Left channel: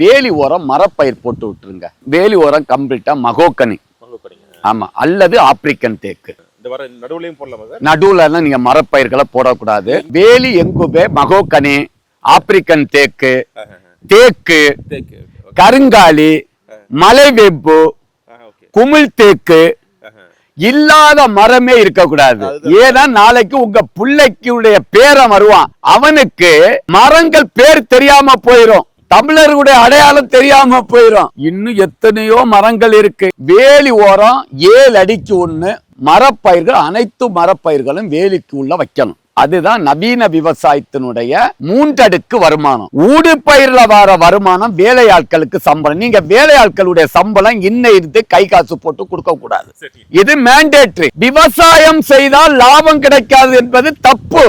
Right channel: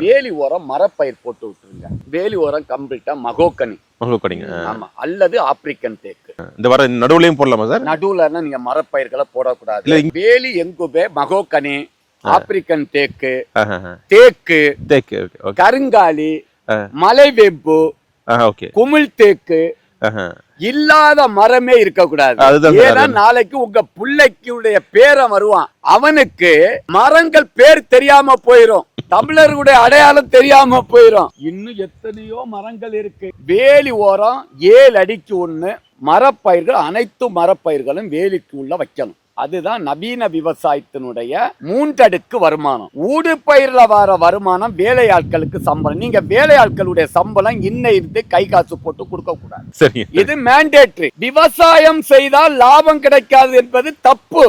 வேலி ஓரம் மரப்பயிர் போட்டு விட்டுருங்க. வேலி ஓரம் கம்ப்ளீட்டா மகோக்கனி. ஆமா, அல்லது ஆப்பிரிக்கன் தேக்கு. இந்த வர நடுவுலயும் போடலாமா சார்? நடுவுல நீங்க மரப்பயிர்களை போடக்கூடாது. வேலி எங்குபே, மகோக்கனி, ஆப்பிரிக்கன் தேக்கு, தேக்கு, கருங்காலி, மலைவேம்பு, குமிழ் தேக்கு இல்லாத மரமே இருக்கக்கூடாது. ஏன்னா நாளைக்கு உங்க பிள்ளைக்குடைய பேரை வருவான், அவனுக்கு மரங்கள் பேர் தெரியாம போயிரும், தமிழர்களுடைய அடையாளம் தெரியாம போயிரும். இன்னும் எத்தனையோ மரங்கள் இருக்கு. வேலி ஓரம் 7 அடிக்கு 1 மரப்பயிர்கள், அனைத்து மரப்பயிர்களும் வேலிக்கு உள்ள வைக்கணும். அதுதான் நவீன விவசாயத்தினுடைய 3 அடுக்கு வருமானம். ஊடு பயிர்ல வர வருமானம் வேலையாட்களுக்கு சம்பளம். நீங்க வேலையாட்களுடைய சம்பளம் இருந்து கை காசு போட்டு கொடுக்க கூடாது. இது மேண்டேட்டரி. விவசாயம் செய்தால் லாபம் கிடைக்காது என்பது தப்பு.